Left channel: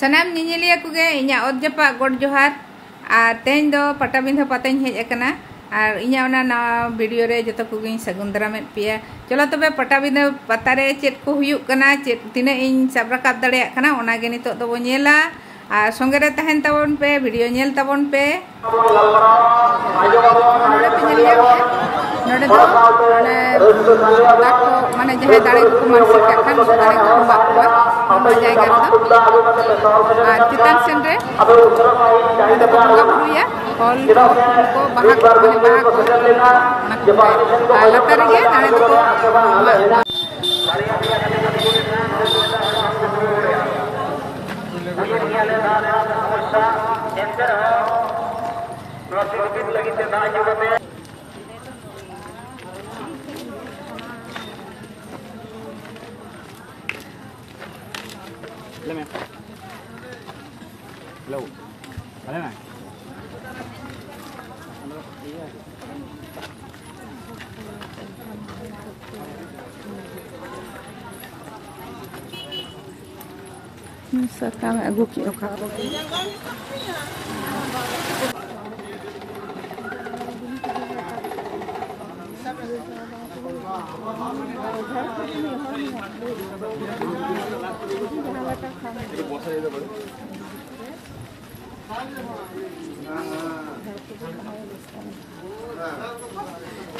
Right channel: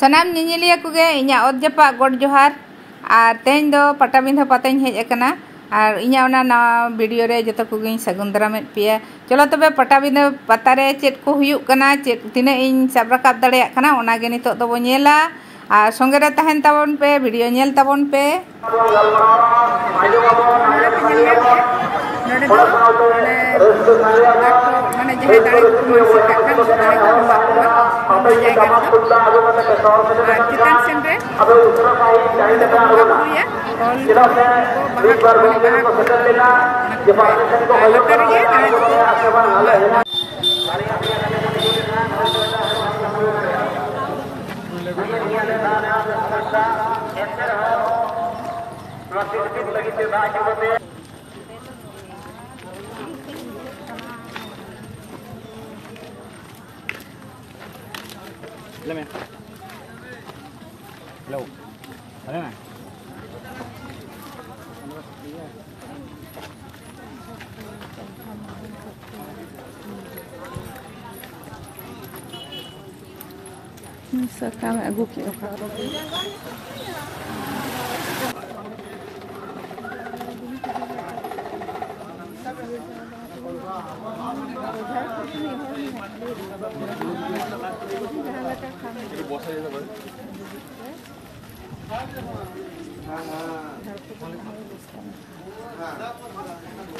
सनाम निनिलिया कुगे इन्या ओद जपा गोड जोहार और तेन दो पटाबिंधा पताኝ हेज अकना और इन्या ओना ना वीडियो रे जतो कुगे सगुन दरामेत पिया चलो तबे पटाबिंधा पता रे चेत को हुयुक कना चेत तिना इन सब राकाब दाड़ेया कना ओना गे नितो दो बो नेला और संगे रे तहन ताबन पे वीडियो नेल ताबन पे नोडे दो माने जहे दाड़े को मानसिक खान दाड़े को बाकवा ओना जायगा रे और चिकन सेन रे नोडे को बंगा बुड़िया कॉल को बाहा को लतर गे दाड़े को Hello. Ada na? Sekarang aku kira kalau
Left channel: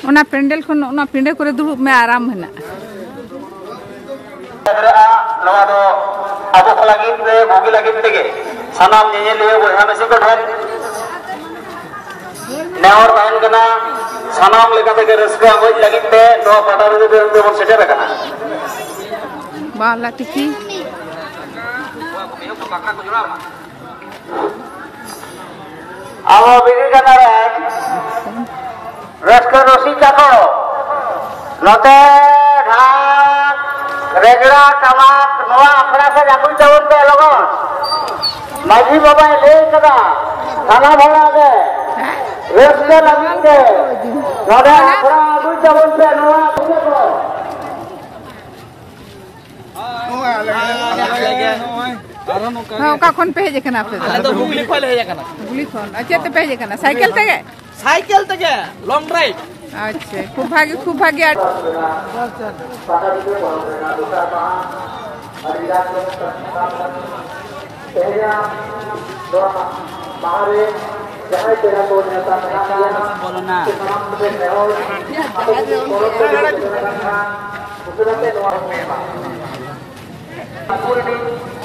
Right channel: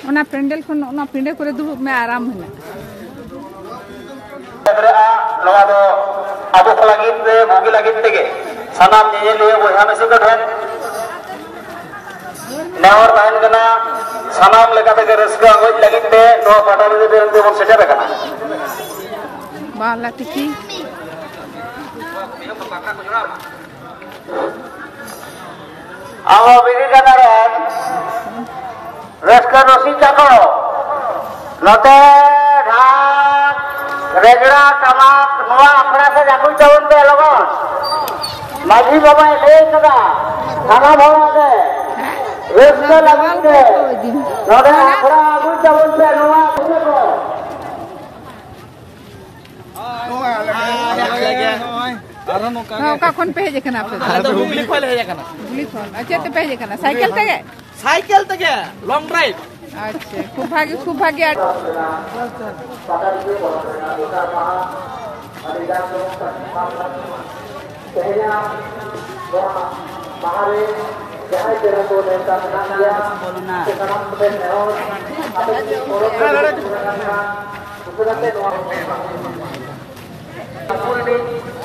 ओना पेंडल खन ओना पेंडे करे दुड़ुब में आराम हेना अब को लगित रे भोगी लगित तेगे सनाम नेलिया बोहा मेसी को ढेर नेवर ताहन कना सनाम लेका तेगे रस्का होज लगित ते नो पटाबिंधा बेरते बन सेटर कना बाला टिकी आहो बिनी कनारान रस्का रोसी चाको नोते ढाक रेगड़ा टमाक नवा अखड़ा से जाकुल चावन पे लगन माजी बाबा ले कदा खाना भरा के रस्का लगित के नोते अखड़ा आगुल चावन पे नवा खुले को हां का कोन पे हेज कना पे आले तो हुगली खोले हेज कना हुगली खोल अच्छा तो पे हेज कना साइकिल तगे लॉन्ग ड्राइव अच्छा खूब भाग्य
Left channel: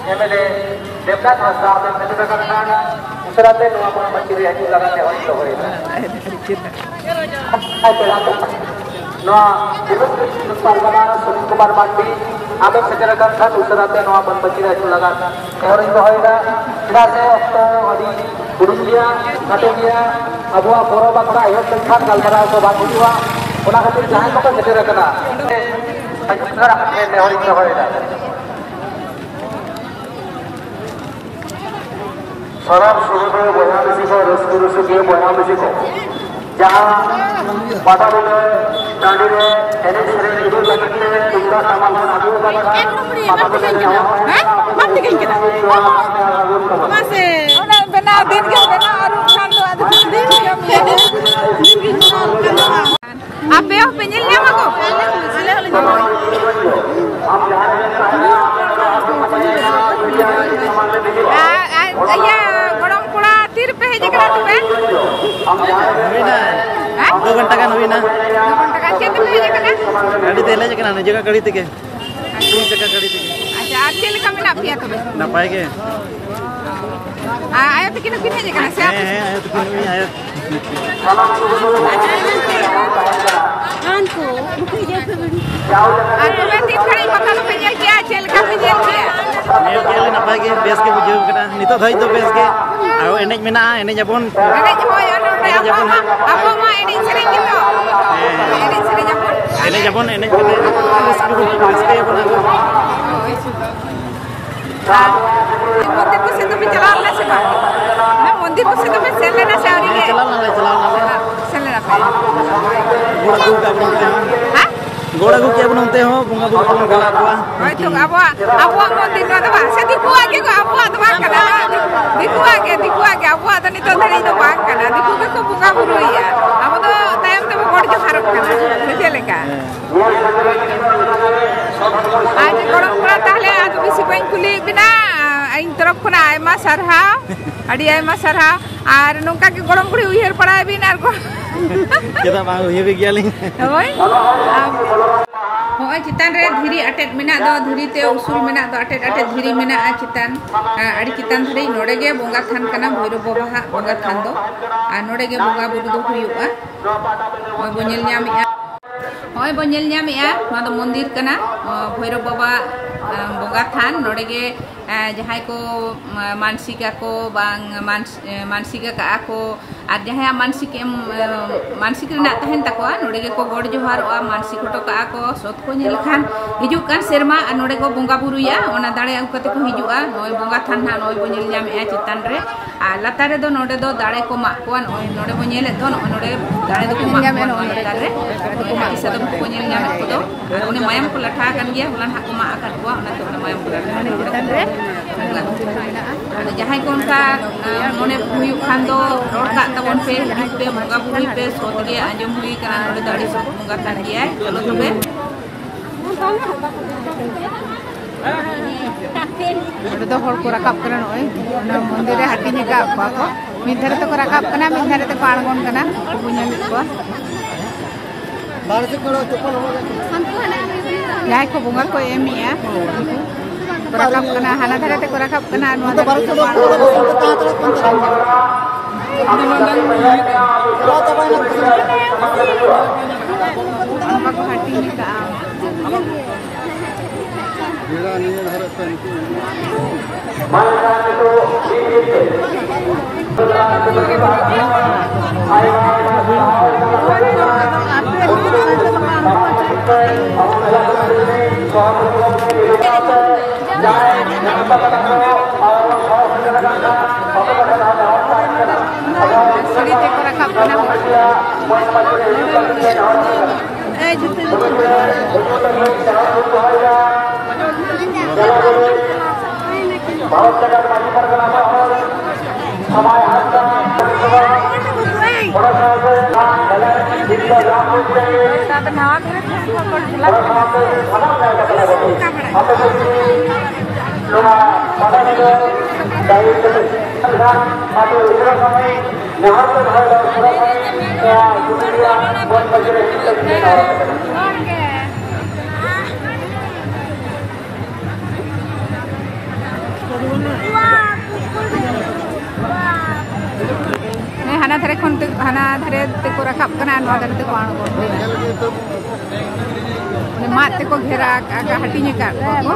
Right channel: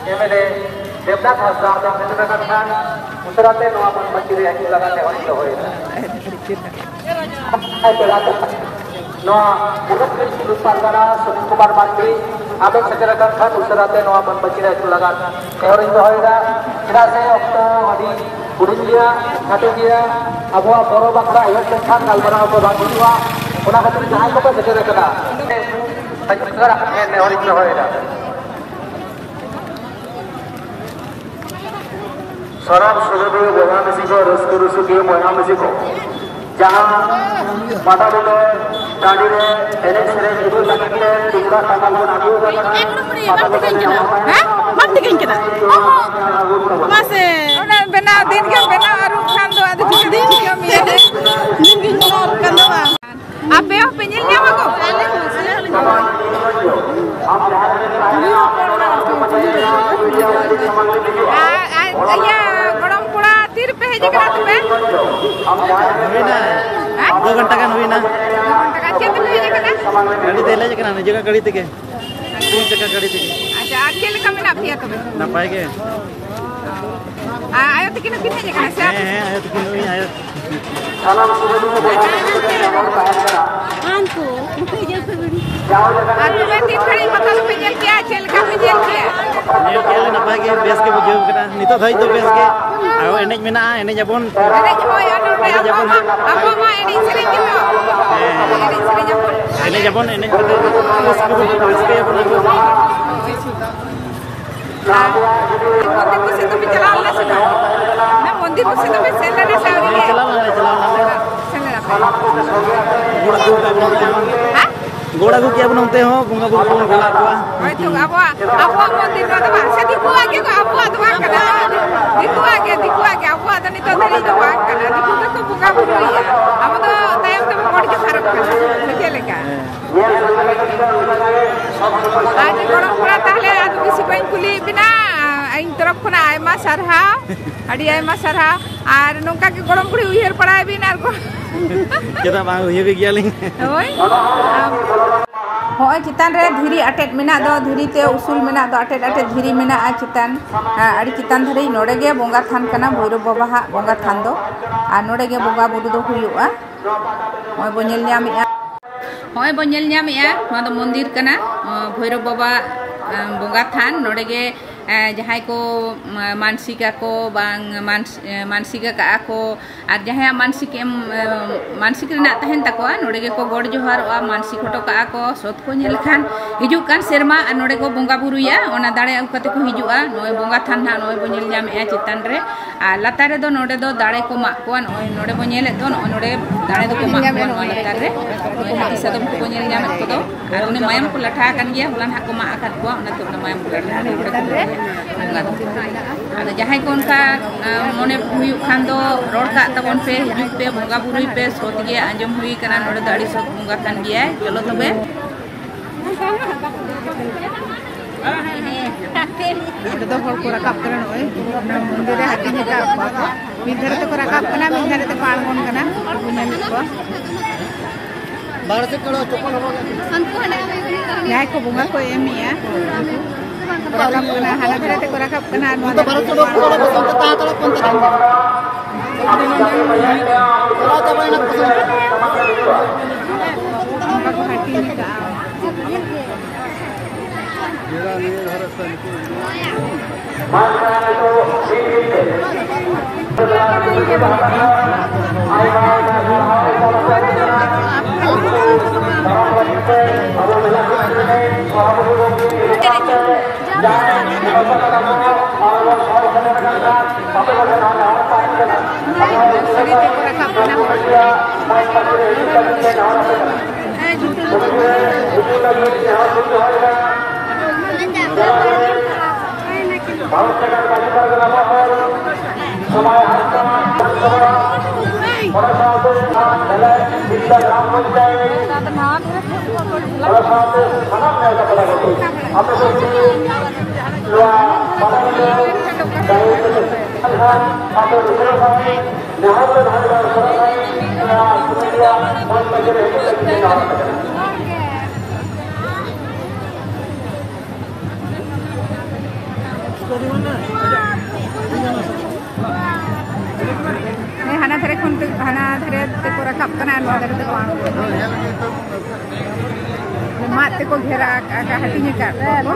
देवदास हस्ता उसराते नवा बन बच्ची हजू लगाते होई तो होई नवा पालगना सुनील कुमार मांडी आबे सेटर खान उसराते नवा बन बच्ची हजू लगा और इन होईरा चलाते हडी बुरुजिया काटेगिया अबो बरो बाकड़ा उहत खान गलबरा को बाकुवा ओना खातिर जहां को सेटर कना संस्कार के होई तो होईरा सरब सुरभि बनामिसी को रसकुरुसु के बनामिसी को जहां बाबा ने डाडी ने एने सेरे इबु लगी ने इबा सामा साधु का हैं मत कहीं केना मासे ओना बना दिन के बना आरु खान दो आदि दिन के मिले दिन की करना आपे हो पेंजल न्यामा को या गरम कोड़ा 30 रुपए हेज करा तबे होइना 2 घंटा का होइना 2 घंटा का चेत पे हेज करा गाड़ी तेले जकना न जगह गाड़ी तेगे 3 चक्का गाड़ी तेगे अच्छा आके लेका मेना पिया तबे ना पाएगे आया तो किनो किन हेज करा से है आया तो किनो ही आया आन को मुखई जैसे बड़ी आ तबे 3 खड़ी पता तो पेजल क्या चल का पेजल क्या नेल के ले ना पाएगे बेस के बुझेव करा नितो धई दो बेस के आरो एनेज मेना एनेज जबन एनेज होय एनेज जबन आपो मा एनेज सेरे किलो एनेज जबन एनेज कते बेस के जबन आगो मंदिर को से तो चला ना से ना मंदिर को से तो सेले ना से चला ना ले सेले ना गुड़ दूध का बन हां गोड़ अगू किया बन उनते हो बुंगा बुगु को गोला कोआ होय तो आबो मंदिर का दबा से दिकु आगे को आबो दबा कना दिकु आगे आबो तो नितो धरी तो बात कना दिकु को बुंगा बुरु आबो तो तायम तो गोड़ जो भारत कना से लेका आज गोड़ पुरा ताले आज किसी को कुली बिना इन तरफ खुना आयमा सरहाव अड़ी आयमा सरहाव और नोंका के गोड़म बुड़ी उहिर पड़ाय बिन आर को केदा बा उहिर गियालिं होय होय चितान रे धीरी अटेट मेना दो धीरी ते उसूल मेना दो अटेट अटेट धीरी मेना आ चितान अड़ी चितान धरी नोडे गे बोंगा थान कना भैरव बाबा हा बोंगा थान दो आ नोडे गे बोंगा बुडु दो हुयुआ होय बो नेल ᱧᱟᱢᱮᱜᱼᱟ होय बो नेल ᱧᱟᱢᱮᱜᱼᱟ ᱱᱚᱣᱟ ᱫᱚ मंदिर कना भैरव बाबा बोंगा थान नोडे गे जहां को मानसिका को बांग मानसिका का को और जहां मानसिक रना तहन तकोआ नोडे के को गोड़ जोहारोआ मानसिक हटो का को सोत को नेल खान हिजु कान सेरमा और नोडे को बोंगा बुरुया ओना दाड़े अउ कते को हिजुआ नोय बोंगा थान ना नोय बो नेल ᱧᱟᱢᱮᱜᱼᱟ चितान रे आ लातारे दो नोडे दो दाड़े को मा को नोडे बो नेले दो नोडे दाड़े दो को मा को लातारे को मा इसा दो को नेल ᱧᱟᱢᱮᱜ को दो और उनी मायम को लठा कान गया होलान हा को मा आकात को ओना ते ओना मायम को लठा चितान रे जहां को उनका मने हुई खान दो रोड का तबन पे हिज पे बोंगा बुरुई पे सोत गे आंजम हुई कना नोडे दाड़ी सब बोंगा थान गया चलो तबे नोडे दो हर को रकाब करन ओय ओना मंदिर रे हाटी ने का को मिधरे तो रकाब कना मिधरे तो पाणगोन कना बुझल को बारसे कलो तोपन हो जाय को बोंगा को एमिया रकाब कना हाना धरे ते रकाब कना नोआ दो हाटी ने का Suri te ko rakap kana ho हाना धरे खन हाना धरे ते को रकाब कना नोआ धरे ते को आणगो ने मात ते को घेरा का हटी ने का को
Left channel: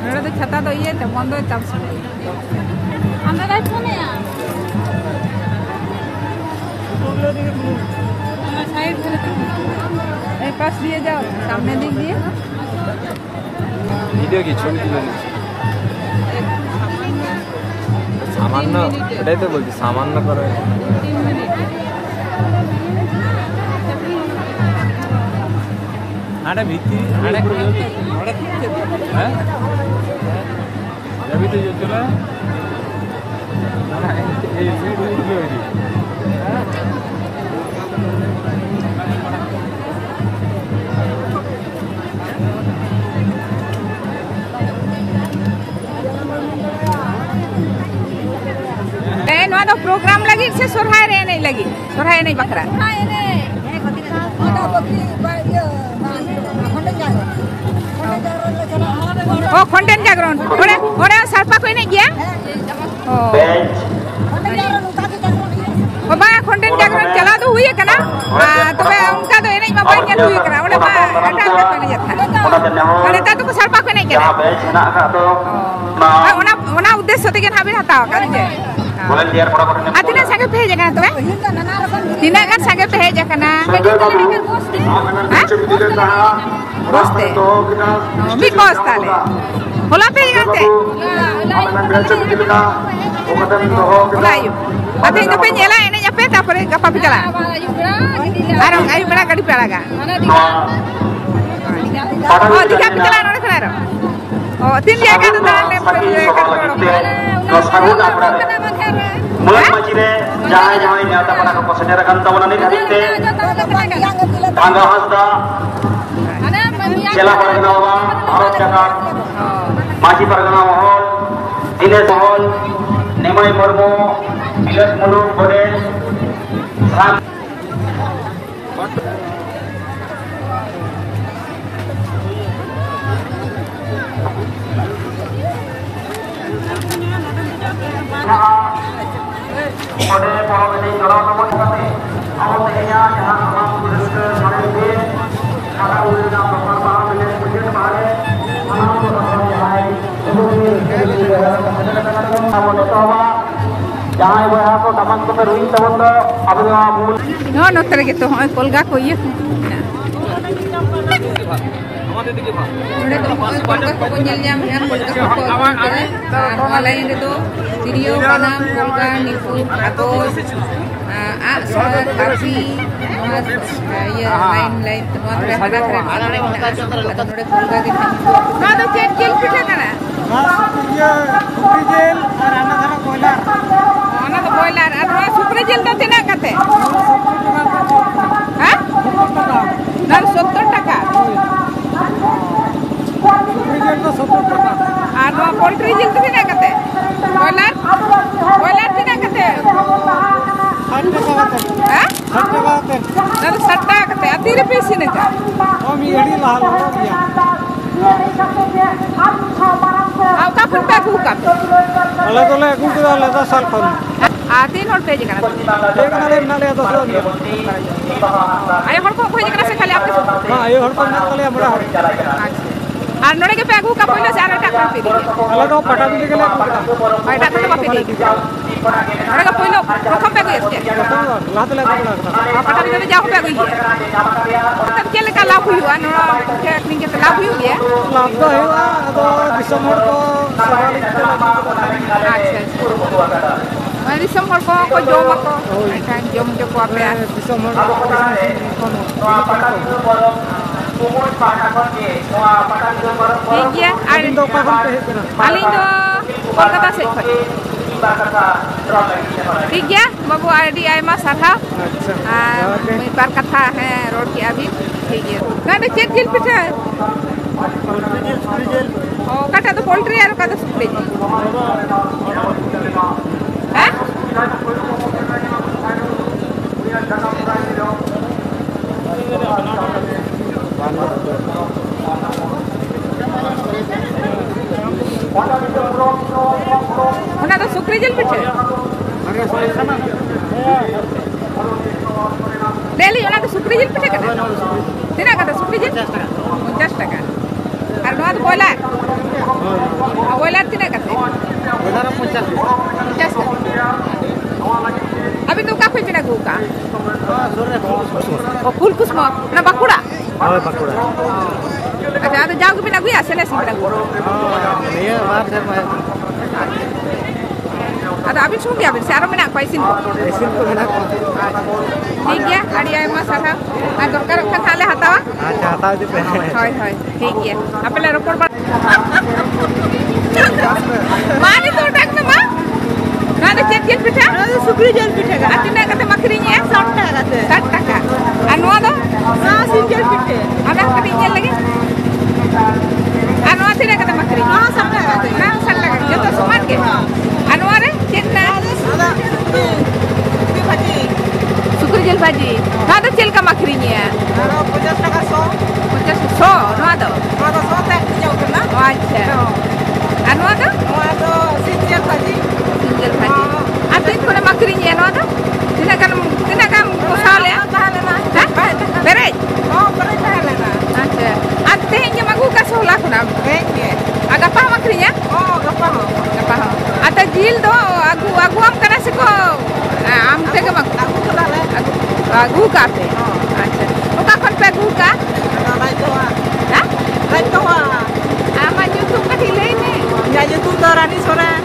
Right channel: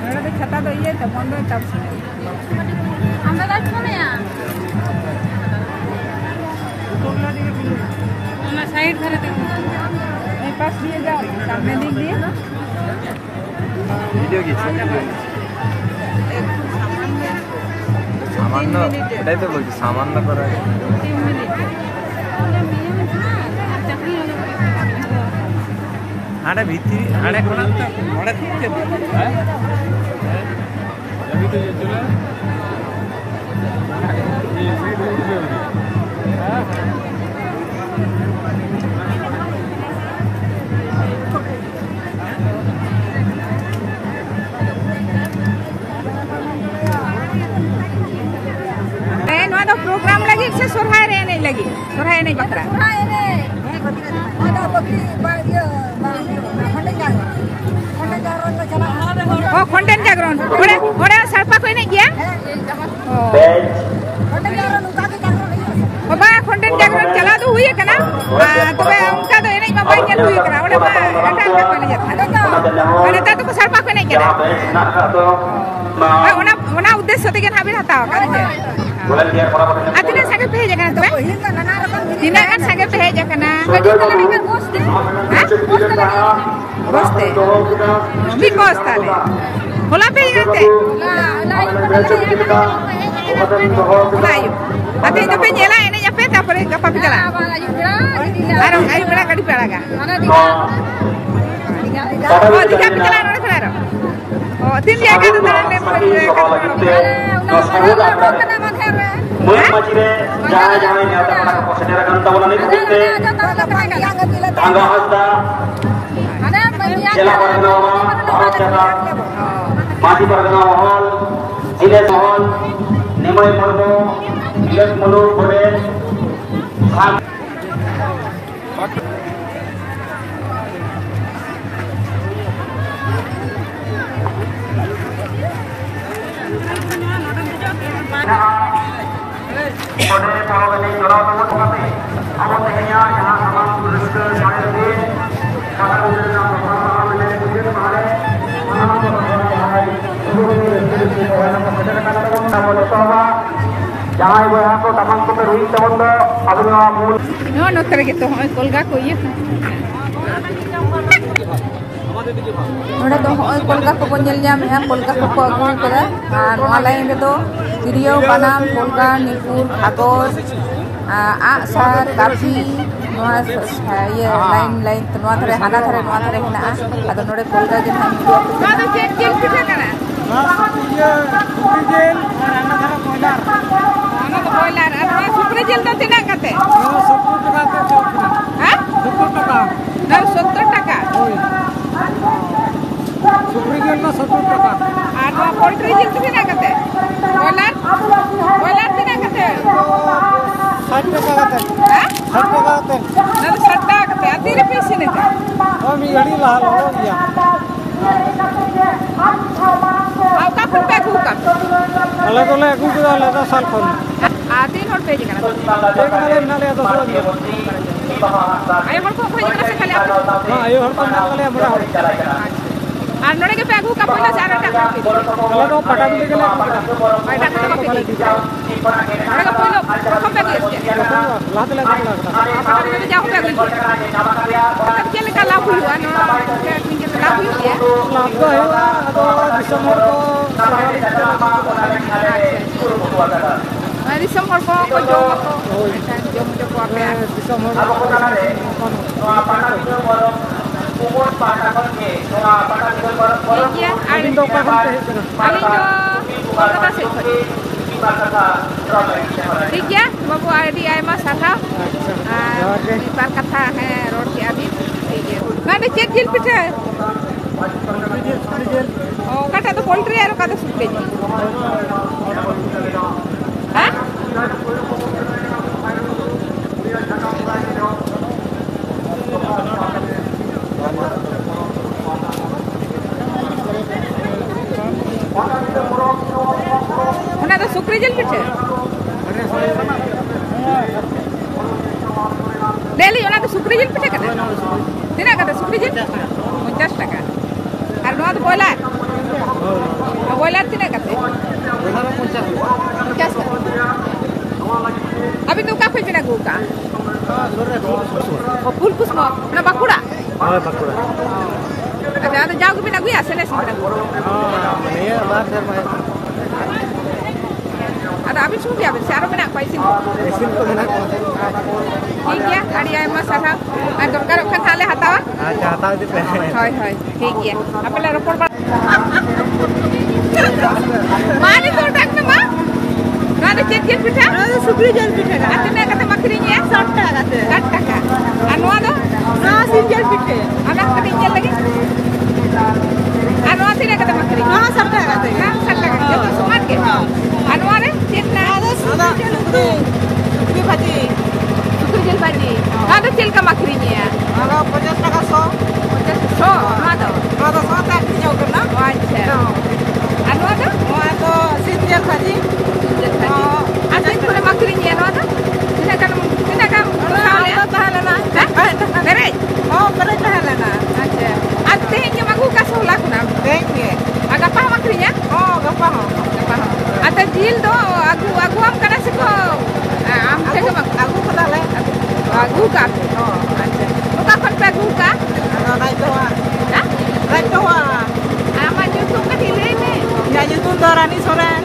नोडे तो छता तो ये तो बंद तब से अंदर आई कोने या साइड धरे ते पास दिए जाओ सामने दिख दिए वीडियो की छवि सामान न करो 3 मिनट आड़े भीतर आड़े कोन आड़े है अभी तो चला ये वीडियो प्रोग्राम लगी से सोरहाय रे नहीं लगी सोरहाय नहीं बकरा ओ खंडन जागरण ओरे ओरे सरपा कोई नहीं गया ओ बा खंडन जागरण चला दो हुई कना तबे उनका तो एने मा बाई नेल हुई कना ओरे बा एटाल का कोई नहीं जाता अरे ता तो सरपा कोई नहीं कना ओना उद्देश्य ते के हाबी हटाव का जे आतिना संगे पे जगह तो हिना का संगे पे जगह बसते मी कोस्ताले होला पे गाते होला यो आते तो पे नेला एने pe tapore gapa pe jala. Arong ayu bera gadi pe alaga. Oh, tiga pe jala nore khana ro. Oh, tin dia kan tahan le kan ro. Mulai majire jangan ini ada pada keposedera kan tawanan ini kita tangga hasda jela pargana orang jaga maji pargana mahal ini mahal nimai korbo ilas mulu kode No, no trae que todo colga coye. Nore to kolga ko ko nyel jam ya kolga ko ko kare ar online re to tirio banam kolga nipur hatos a sar kapi noa ya lain noa thare hana thare hina ado nore kolga ge thang do no do check kill pite na iya supri jel ar ana thara koilar ona to koilar ar noa supri jel do tina kate ha 70 টাকা supri jel to 70 টাকা আর নো poultry জেল tina kate koilar tina kate 60 টাকা kate ha 60 টাকা kate na 60 টাকা kate atire pesi ne ka mi gadi lahal lo dia au kapun pe ku ka ale tole aku ko ale da sal khon a tin hor peji kana ek na le na le da so ni ay hor ko khoje kana se khali apu ma ayo hor ko na kale amra hor আর নড়ে কে পেগু কা পইলো সে আর টাকা pay ale do pata bi gele ko ta আর টাকা টাকা pay নড়ে কা পইলো কখন পেগু এসে ko lahat le ko lagta পাটা যদি যাও পেগু তব কেলে কা লাভ হইবা নো কে আপনি কে লাভ হইয়ে लाभ तो हेवा अदो दिसम हर को सवाली के আর দিসম হর কো জম তো জম যে কো আপে दिसम हर को कोन ঠিক গিয়া আর दिन दो का खन पे हेना আলিন দো কলকাতা সে ঠিক গিয়া বাবু আইডি আইমা সাথা अच्छा एक बार कथा है रोड की अभी ना तो चेक जिल पिठा ओ काटा तो पोल्ट्री यार का तो सुपले जी हां उना तो सुपले जिल पिठा Deli, ona to supri jil pite kata. Tina kata supri jil? 50 টাকা. Ar noa to boiler. A boiler tina kata. बोला 50 50 টাকা. Abi to ka phe guka. हां जोरे O full kusmo na bakura. हां बकुड़ा Ada ada jauh ke guya senes mada. हां मने बात कर भाई Ada abi sungi abi saro mena paisin ko. एसिन को मना को ठीक गया ari aima sarha. Ar dorkar khan hale hatawa. अच्छा हटा दे पे Hoy hoy. ठीक गया. Apela ropor ba. Mani to tak na ma. Na to cek jel pitha. Na to supri jel pitha ka. Atuna kata makri ni 60 টাকা kata. 60 টাকা. Anu ado? Na single pithe. Ana kati jel lagi. Anu atine kata makri. Na 60 টাকা kata. Na 60 টাকা. Joto saman ke. Anu are cek na. Ada tu. Di bhaji. Supri jel bhaji. Na to jel ka makri ni ya. हां 50 টাকা 100 50 100. Na to. हां 100 तक जाओ करना Acha. Anu ado? तो single bhaji Atin ko na makri ni ano ado? Tinakan masale. Berej. हां करे करे ना Acha. Ate nya maguka sa hula ko na. देखिए Aga pa makri niya? हां गप्पा हां Ata gil do agu am kana si ko. Am tega mag aku kena le agu ka pe. हां O ka kon pe agu ka? ana right to Ha? right to Ama YouTube ka hilay me. ya itu Dorani Soren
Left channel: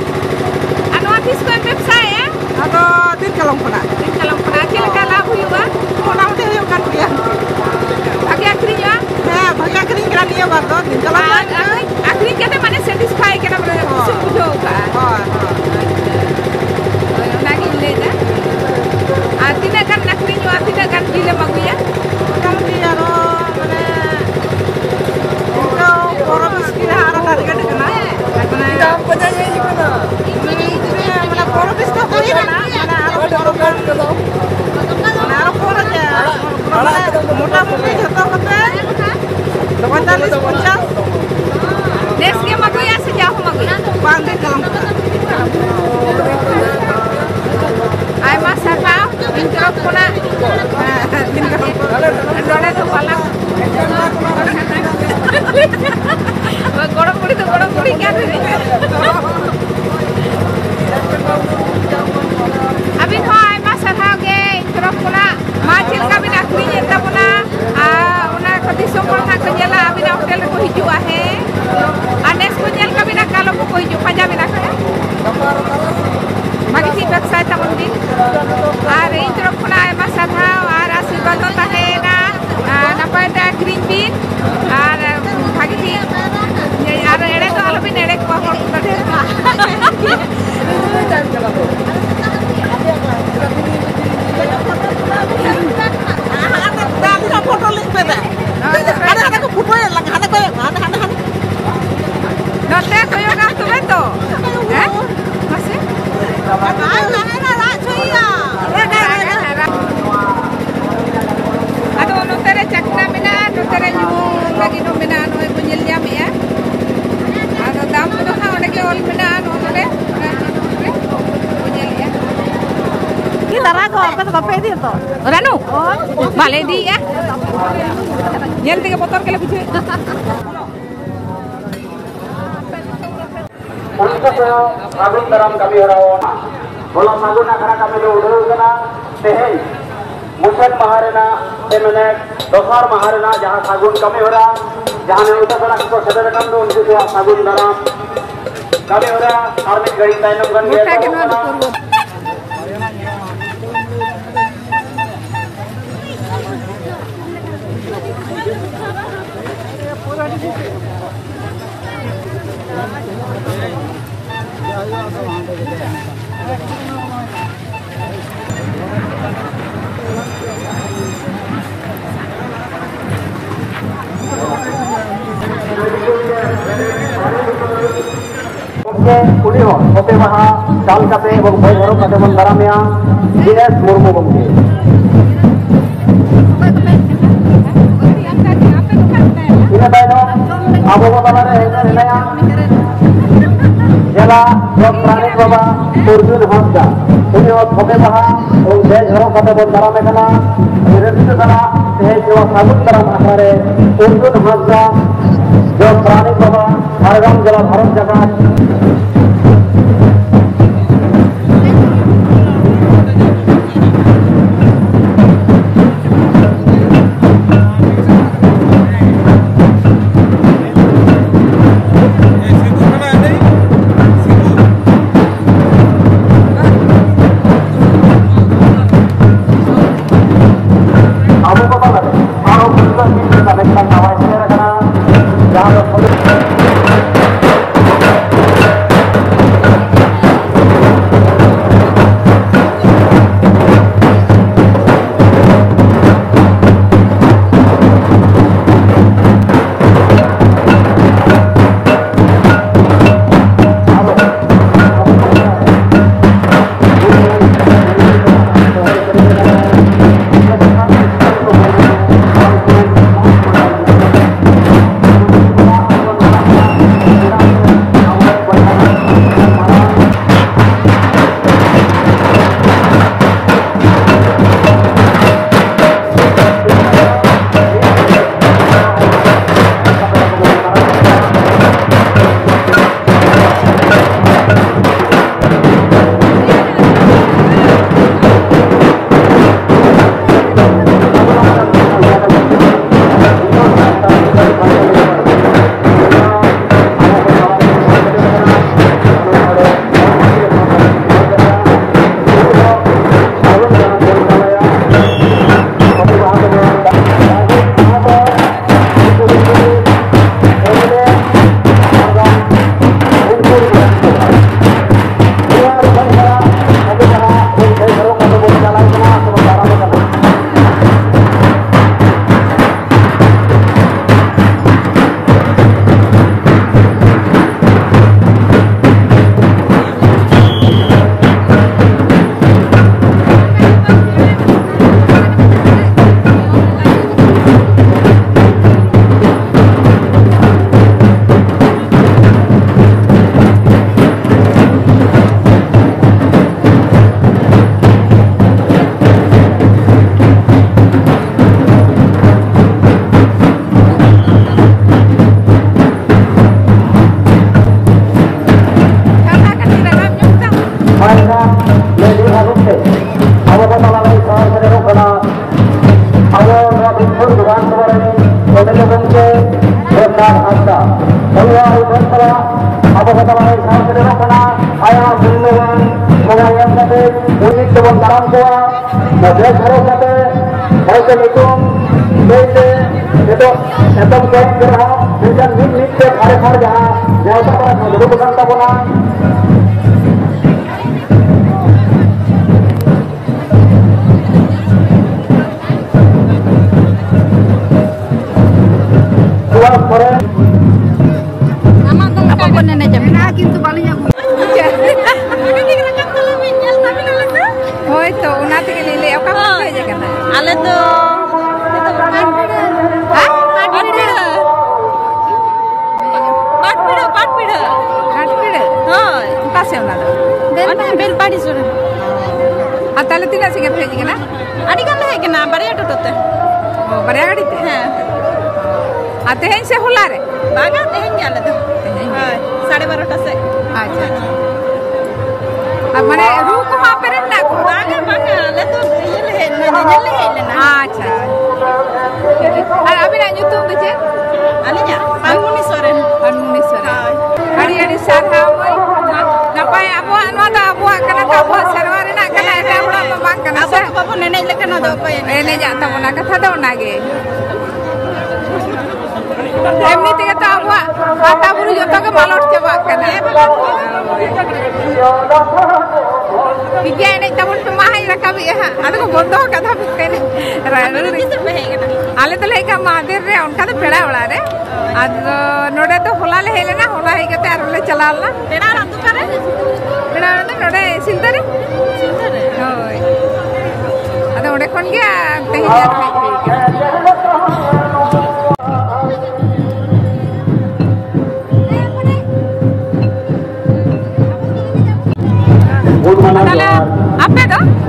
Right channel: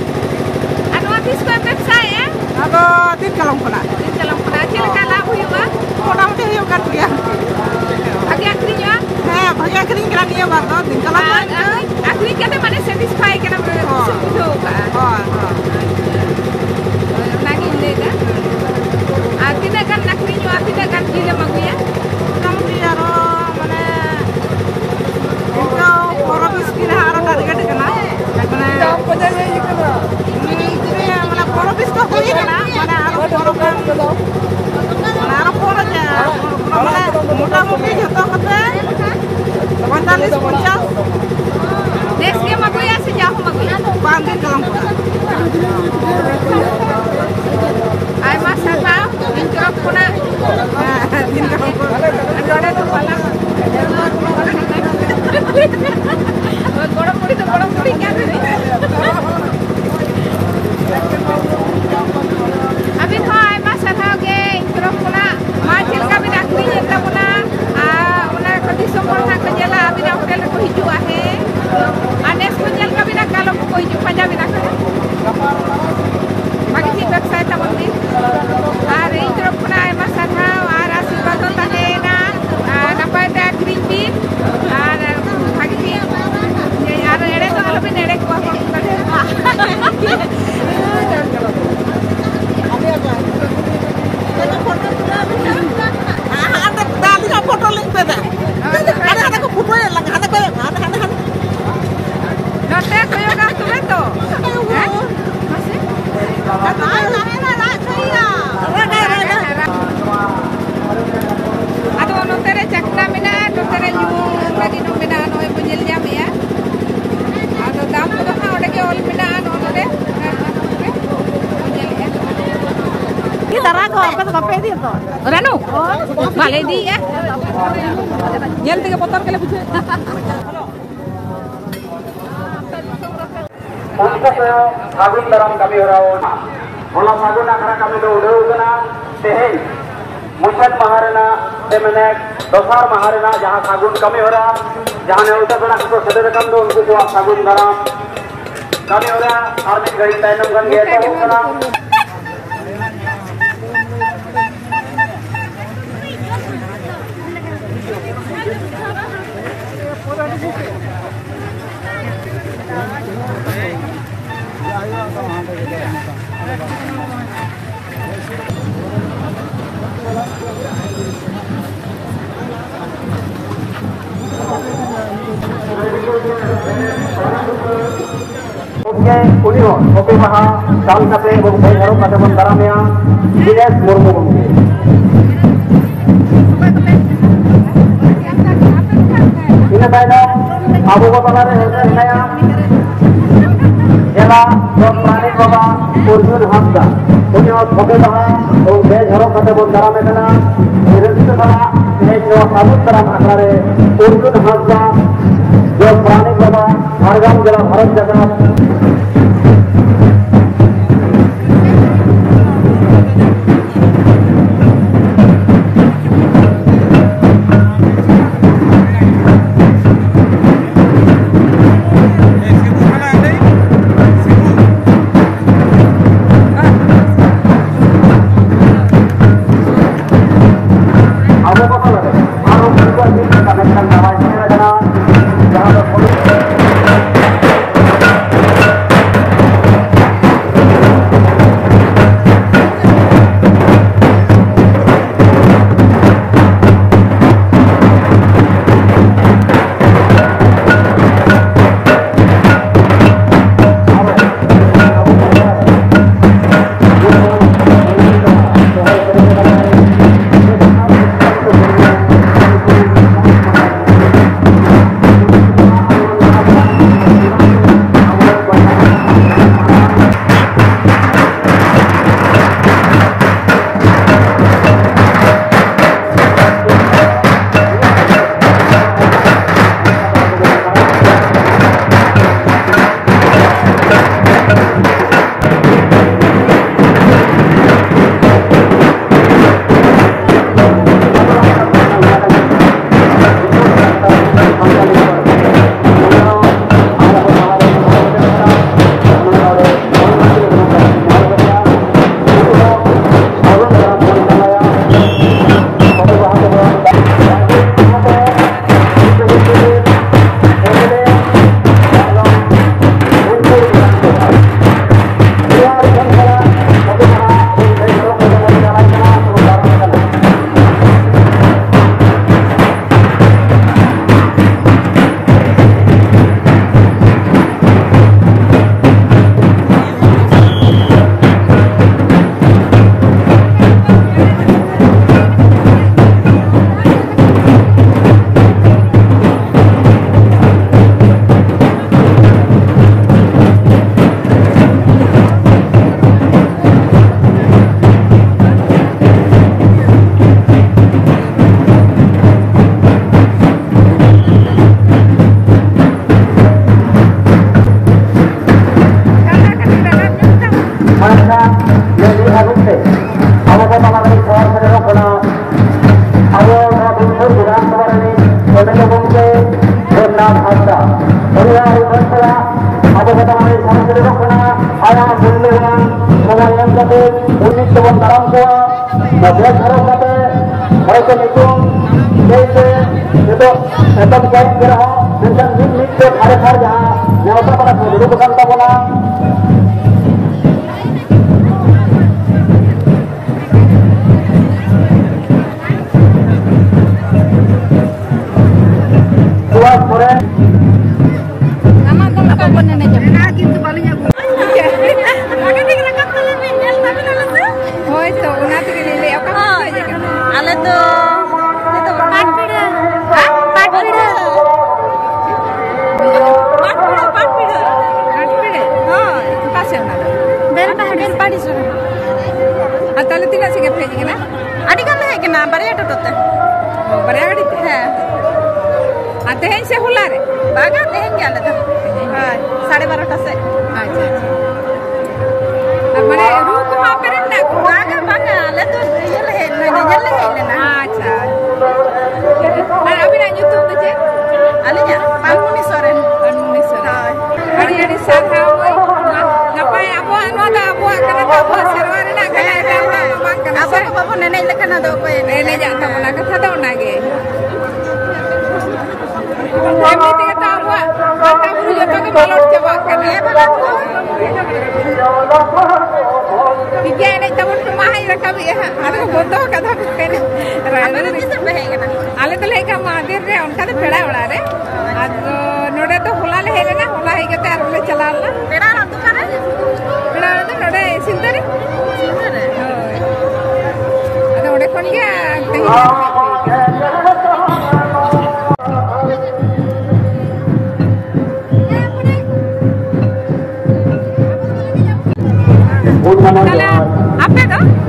Ano atis ko website ya? atau tin kalong pula Salam ᱠᱮᱫᱟ ᱱᱤᱭᱟᱹ ᱵᱟᱨ ᱫᱚ ᱫᱤᱱ ᱠᱟᱞᱚᱢ ᱫᱚ ᱟᱹᱠᱷᱨᱤᱧ ᱠᱟᱛᱮ ᱢᱟᱱᱮ ᱥᱮᱴᱤᱥᱯᱷᱟᱭ ᱠᱟᱱᱟ ᱵᱚᱞᱮ ᱠᱩᱥᱤ ᱵᱩᱡᱷᱟᱹᱣ ᱠᱟᱜᱼᱟ ᱦᱳᱭ ᱚᱱᱟᱜᱤᱧ ᱞᱟᱹᱭᱫᱟ ᱟᱨ ᱛᱤᱱᱟᱹᱜ ᱜᱟᱱ ᱟᱹᱠᱷᱨᱤᱧᱚᱜᱼᱟ ᱛᱤᱱᱟᱹᱜ ᱜᱟᱱ ᱡᱤᱞᱮᱢ ᱟᱹᱜᱩᱭᱟ মোটামুটি আরো মানে ইনকা 15-20 কিলো আরো টার্গেট কানা মানে মানে 15-20 তো হই কানা মানে আরো বড় গান মানে আরো বড় যে মানে মোটামুটি যত কতে 45-50 Des game aguya se jauh aguya 5 দিন কালাম করা ay masaka interop kona হ্যাঁ দিন কালাম করা lore to pala gorom puri kya thi abhi kho ay masaka ge interop kona ma jil ka bin akhri eta kona ona khodi somor na kejela abhi na hotel ko hijua hai anes ko jel ka bin kalo ko hiju panja bin Magisi website ta mundi are interop kona ay masaka are asibal to tahena napa da green bean are magisi are ere to alo bin ere ko Aduh, notere cakna mena, notere nyu lagi no mena no punyel jam ya. Aduh, dam tu ha ole ke ol mena no notere. Ini darah ko apa to kape dia to Ranu, bale di ya. Nyel tiga botol kele bujhe. Untuk sagun dalam kami harawan, kalau sagun akhara kami udah kena teheng, muncul maharana, temenek, dosar maharana, jahat sagun kami hara, jahan yang udah kena kita sederhana dulu untuk tuah sagun dalam kami hara, kami gari tanam kan dia Oke maha kami kate bangkai baru kate bandaramnya Dinas Murmu Bangkai. Ini adalah Abu Bakar Hasan saya. Jela Dr. Baba Urjun Hamza. Ini oke maha bej baru kate bandaramnya kana. Ini itu kana ini juga sabut terang akhare Urjun Hamza. Dr. Baba Hargam Jela Bharat Jagat. Somnath Hasta. Oleh Upacara, apa kata mana sang sedekah kena ayah bunuhan mengayak kate unik teman dalam tua, najar harus kate mereka hitung itu setom kain gerah dan mit ke hari jah nyata pada dulu bukan tabunan. Koren apa pun nenek jam Gitu kalinya bu. oh itu nanti kali ini apa aja kan Ala tuh itu patpida. hah Patpida. Patpida. Patpida हाँ. kasih orang Ben padi sunu. atau tidak sih kepeji kena Adi kan lagi kena bariya tutup. oh berada di हाँ. atau yang saya hulare Baga tehen gala tuh. हाँ. 12:30 से. अच्छा अब मैंने रूह को वहाँ पे रहना को Baga ala tuh ये ले ना. अच्छा अभी ना YouTube दीजिए Alinya Pamuni sore. Pamuni sore hari sarha boy ngapain abuah karena kabuah serwari nak kena ada orang memang kena Apa apa nenek le kena do ko ini. ini jatuh mana kata dah nage emni tiga tahu mata bulu jatuh ke balot coba kena Iya ini tabun pemahai rakam ya, ada ko bodoh kata pikir, आले तो लेकर महादेव रे उनका तो पेड़ा बड़ा रे आज नोड़े तो होला ले हेले ना होला ही कहते हैं रोले चला ला पेड़ा रातु करे पेड़ा तो नोड़े सिंदर होय अरे उड़े कौन गया कहीं apa tu?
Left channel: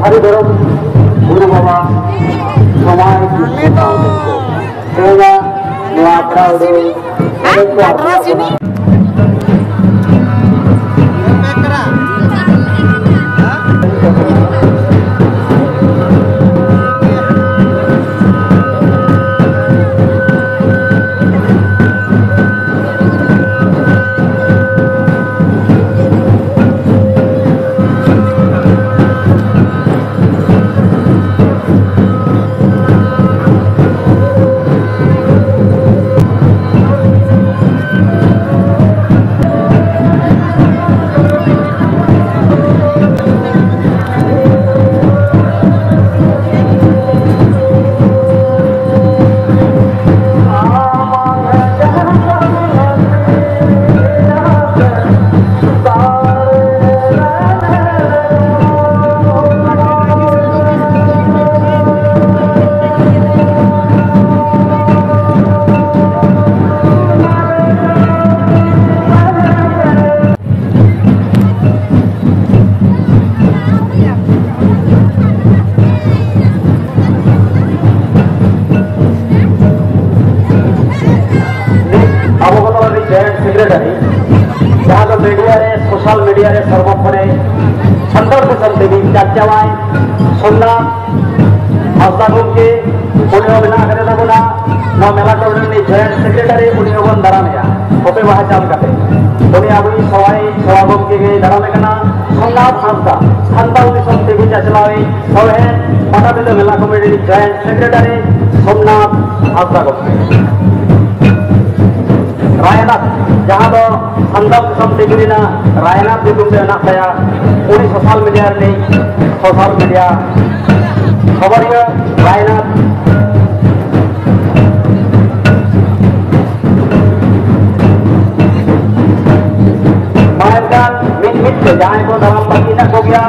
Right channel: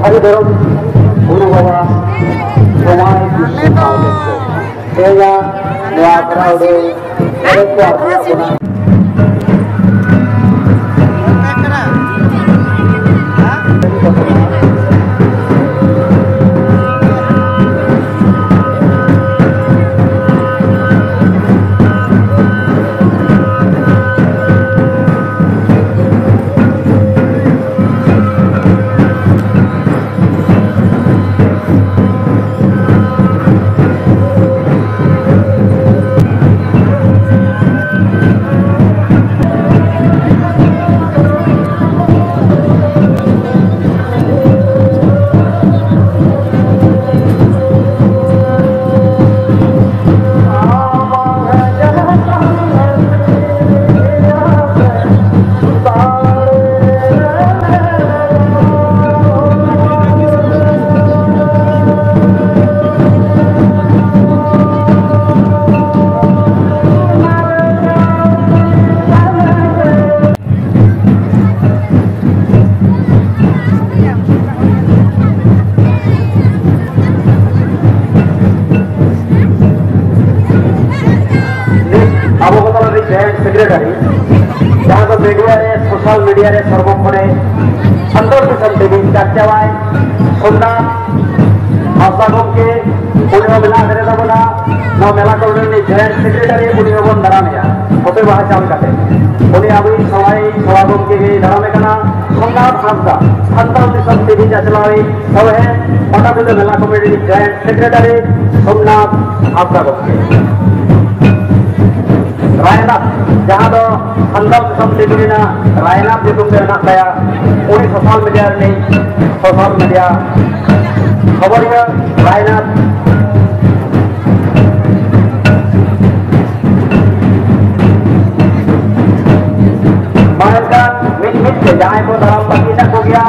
Hari Barom, Guru Baba, Selain Krishna, Sehingga Nuatra Ude, Nuatra secretary जहाँ तो मीडिया रे सोशल मीडिया रे सर्वोपरि संतोष किशन टीवी चर्चावाय सोमनाथ हासदा गमके उन्हें मिला करे तबना ना मेला कमिटी जॉइंट सेक्रेटरी उन्हें बन दारामेया फटे बाहा चाल काटे उन्हें अभी सवा गमके के दारामे कना सोमनाथ हासदा संतोष किशन टीवी चलावे सब है पटाबिंदु मेला committee joint secretary Somnath Hansda गमके रायनाथ जहाँ दो संदर्भ किस्म टीवी रायनाथ जो तुमसे अना saya उन्हीं सोशल मीडिया खबर ये रायनाथ mainkan mit ke jangan ko dalam pagkita ko gya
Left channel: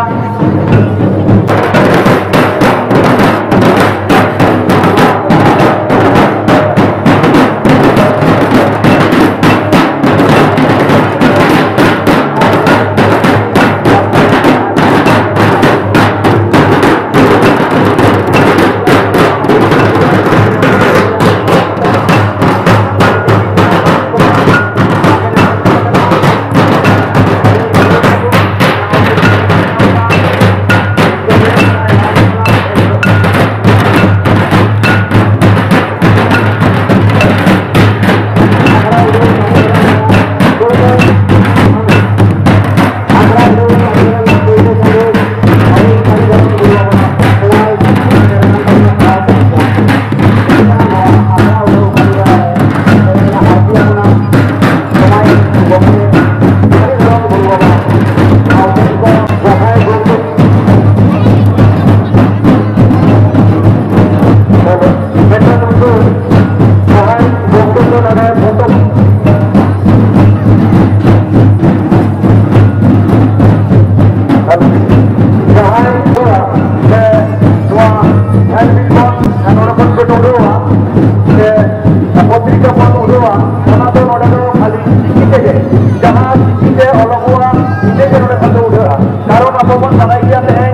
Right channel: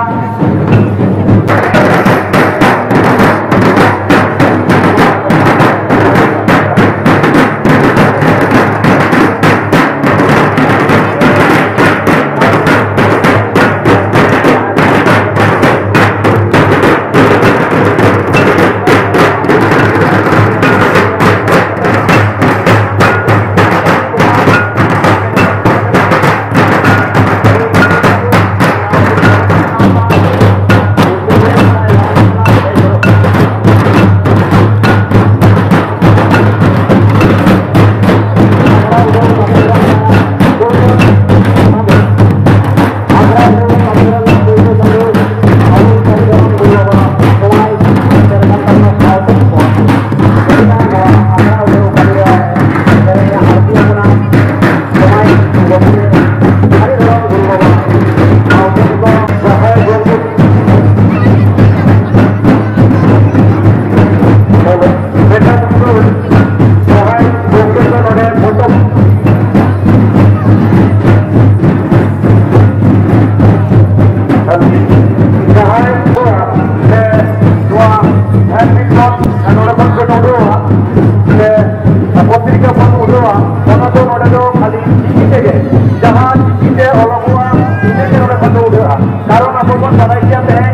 udah, orang tu nolak tu kali kita je. Jangan kita orang gua ini je nolak tu udah. Kalau apa pun pada dia teh,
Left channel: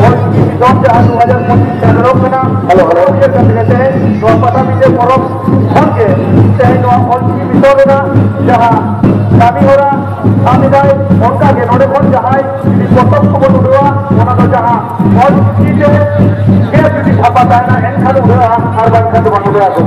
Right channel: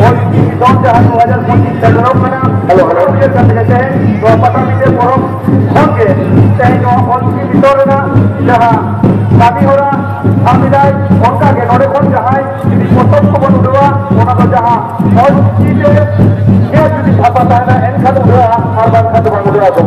orang Islam jahat 2025 terlalu kena. Kalau dia kata teh, dua patah kita korup, oke. Teh dua orang itu kena jahat. Kami orang kami dah orang ke nolak pun jahat. Ini potong pun udah, orang tu jahat. Orang kita dia jadi apa tanya, enggak udah, harga satu pun udah tu.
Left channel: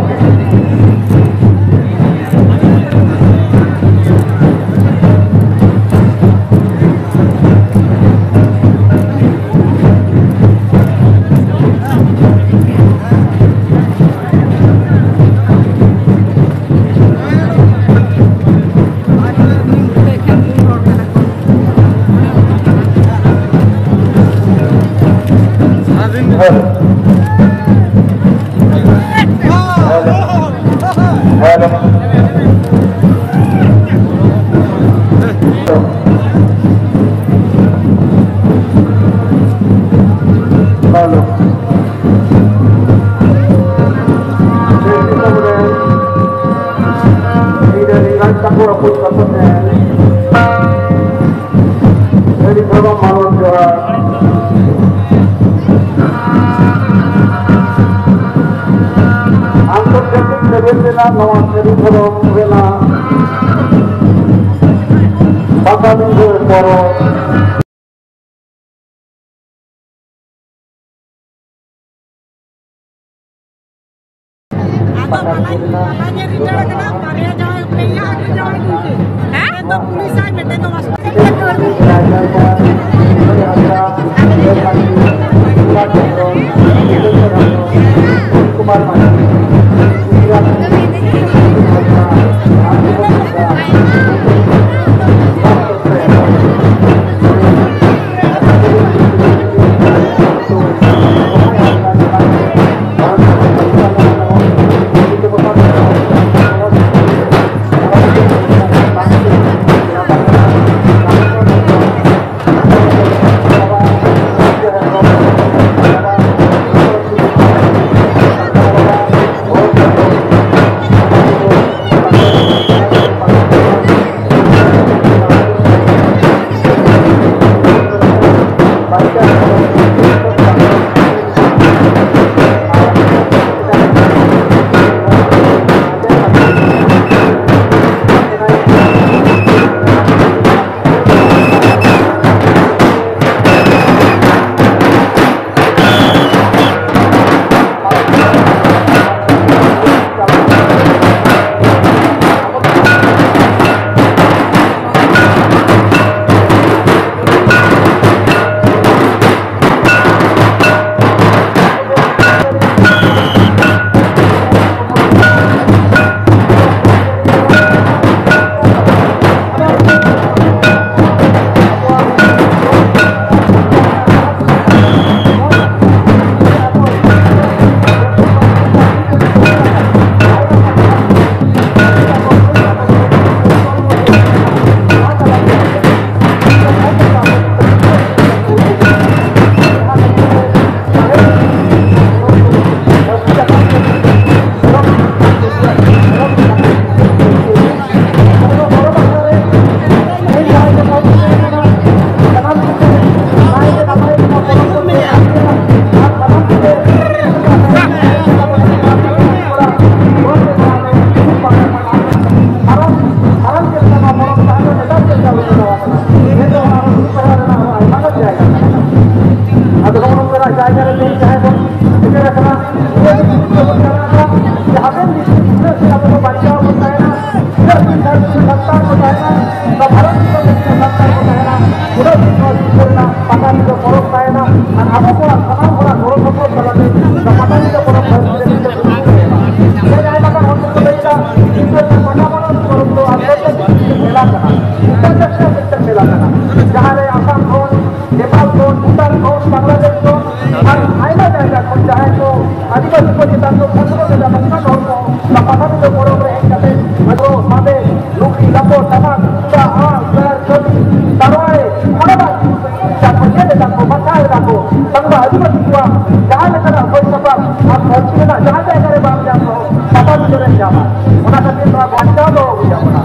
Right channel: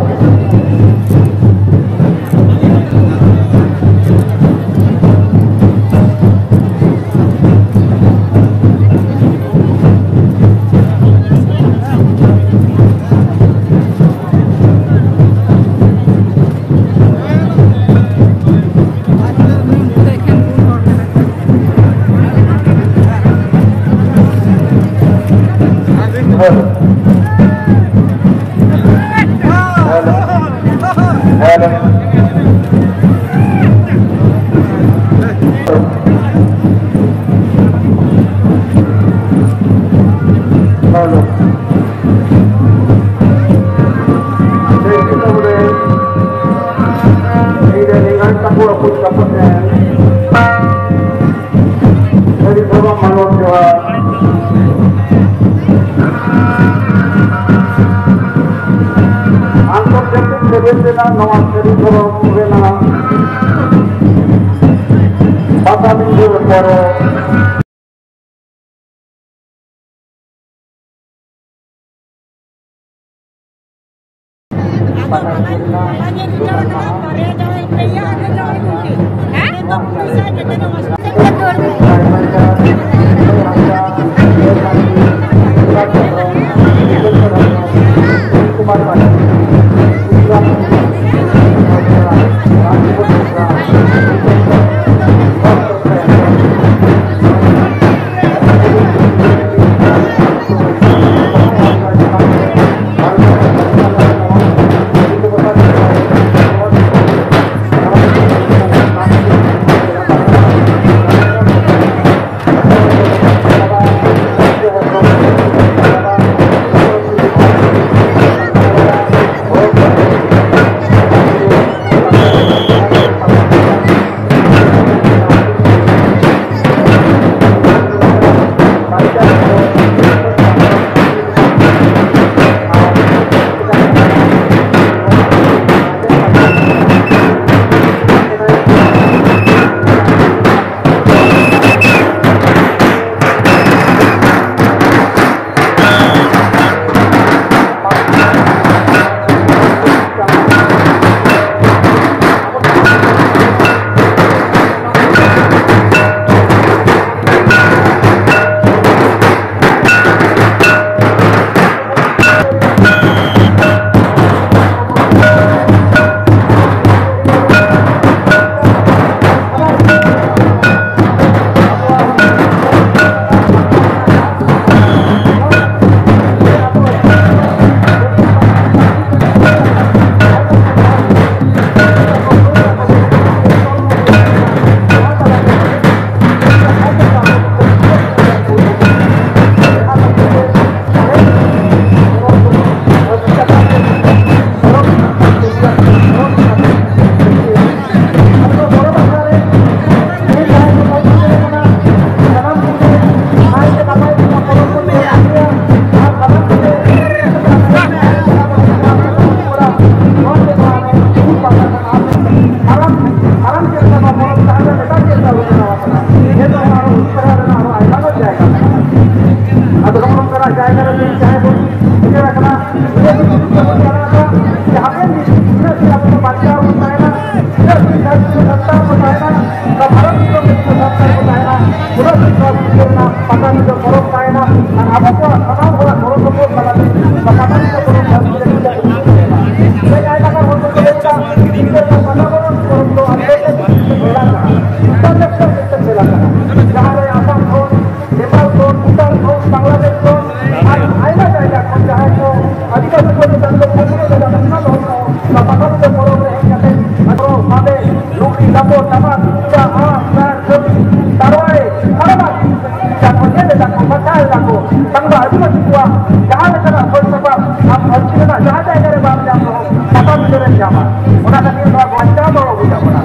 ᱱᱚᱣᱟ ᱵᱟᱧᱪᱟᱣ ᱫᱚᱦᱚ ᱦᱩᱭ ᱟᱵᱚᱱᱟ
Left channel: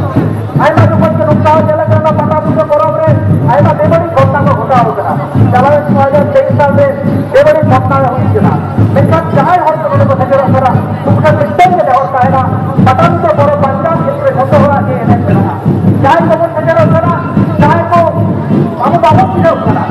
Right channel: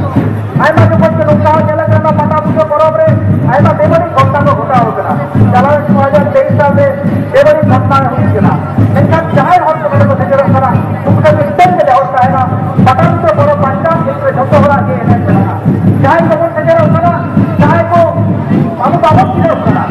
ᱟᱭᱢᱟ ᱡᱚᱠᱷᱚᱱ ᱜᱮ ᱱᱚᱝᱠᱟ ᱧᱮᱞ ᱟᱠᱟᱱᱟ ᱯᱟᱴᱟᱵᱤᱸᱫᱷᱟᱹ ᱯᱚᱨᱚᱵᱽ ᱨᱮ ᱟᱭᱢᱟ ᱵᱮᱵᱟᱹᱲᱤᱡ ᱜᱷᱚᱴᱚᱱᱟ ᱠᱚ ᱜᱷᱚᱴᱟᱣ ᱟᱠᱟᱱᱟ ᱪᱟᱞᱟᱣᱮᱱ 2023 ᱥᱟᱞᱨᱮ ᱵᱮᱵᱟᱹᱲᱤᱡ ᱜᱷᱚᱴᱚᱱᱟ ᱦᱩᱭ ᱟᱠᱟᱱᱟ ᱢᱮᱱᱠᱷᱟन ᱡᱟᱦᱟᱸᱭ ᱦᱚᱲ ᱠᱚ ᱱᱚᱰᱮ ᱠᱚ ᱥᱮᱴᱮᱨᱚᱜ ᱠᱟᱱᱟ ᱩᱱᱠᱩ ᱫᱚ ᱢᱤᱫᱴᱮᱱ ᱜᱮ ᱦᱚᱲ ᱛᱟᱦᱮᱱᱟ ᱯᱟᱴᱟᱵᱤᱸᱫᱷᱟᱹ ᱯᱚᱨᱚᱵᱽ ᱵᱟᱧᱪᱟᱣ ᱞᱟᱹᱜᱤᱫ ᱡᱷᱚᱛᱚ ᱦᱚᱲᱟᱜ ᱜᱮ ᱮᱱᱮᱡ ᱢᱮᱱᱟᱜᱼᱟ ᱡᱟᱦᱟᱸᱭ ᱠᱚᱵᱚᱱ ᱥᱮᱴᱮᱨᱚᱜ ᱠᱟᱱᱟ ᱡᱟᱦᱟᱸᱭ ᱠᱚ ᱟᱵᱚ ᱵᱟᱵᱚᱱ ᱪᱤᱱᱦᱟᱹᱣ ᱠᱟᱱᱟ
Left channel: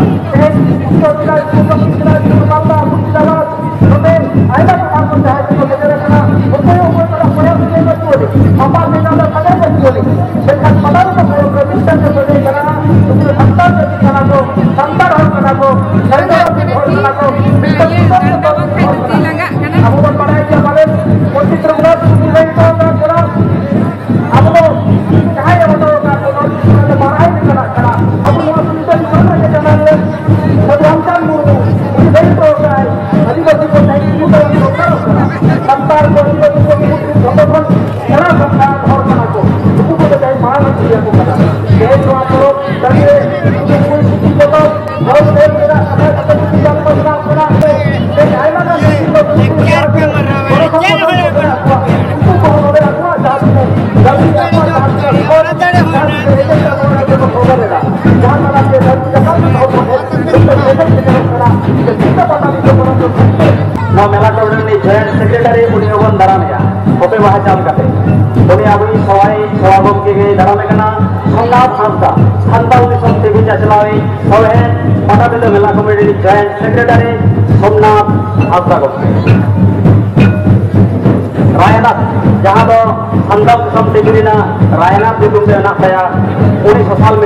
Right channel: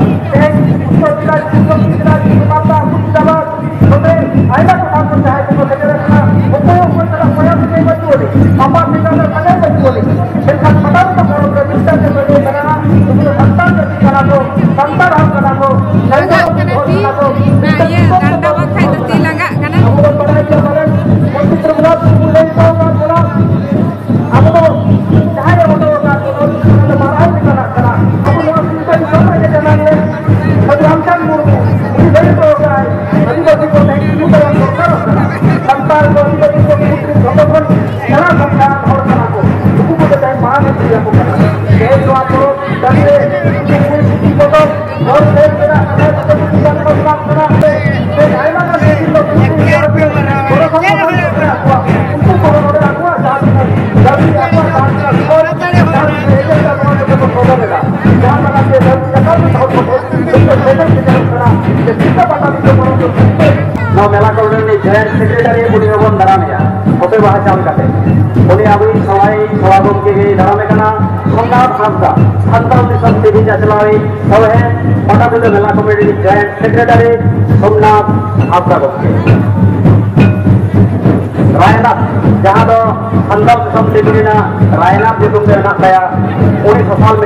ayah kita berusaha untuk segera untuk supaya menjadi boleh apa kita pada boleh dengan pada kalau kita sebagai karena itu santan kalau santan kalau langak kana ti na ye nanda wa khai ti langak kana kamu pada dia balik politik terberat mulai kau kira aku cahaya betul aku marai dengan cara aku yang sudah sama dengan dia menguangkan murni ini dari program jadi bagi kita itu Sampai kita jombon cara sampai orang aku itu kita dari mana dia bukan jadi waktu dari itu kita harus bergerak kita tidak bergerak dan ayah kan itu मेला coordinator joint secretary उनी बन दारामेया ओपे बाहा चाल काते उनी आबई सवाई सवागम के दारामे कना सोमनाथ हांसदा सान्ताल दिसम टीवी चलावे सवे पटाबिंधो मेला committee joint secretary Somnath Hansda गमके रायनाथ जहां दो सान्ताल दिसम टीवी ना रायनाथ दिसम से ना उनी सोशल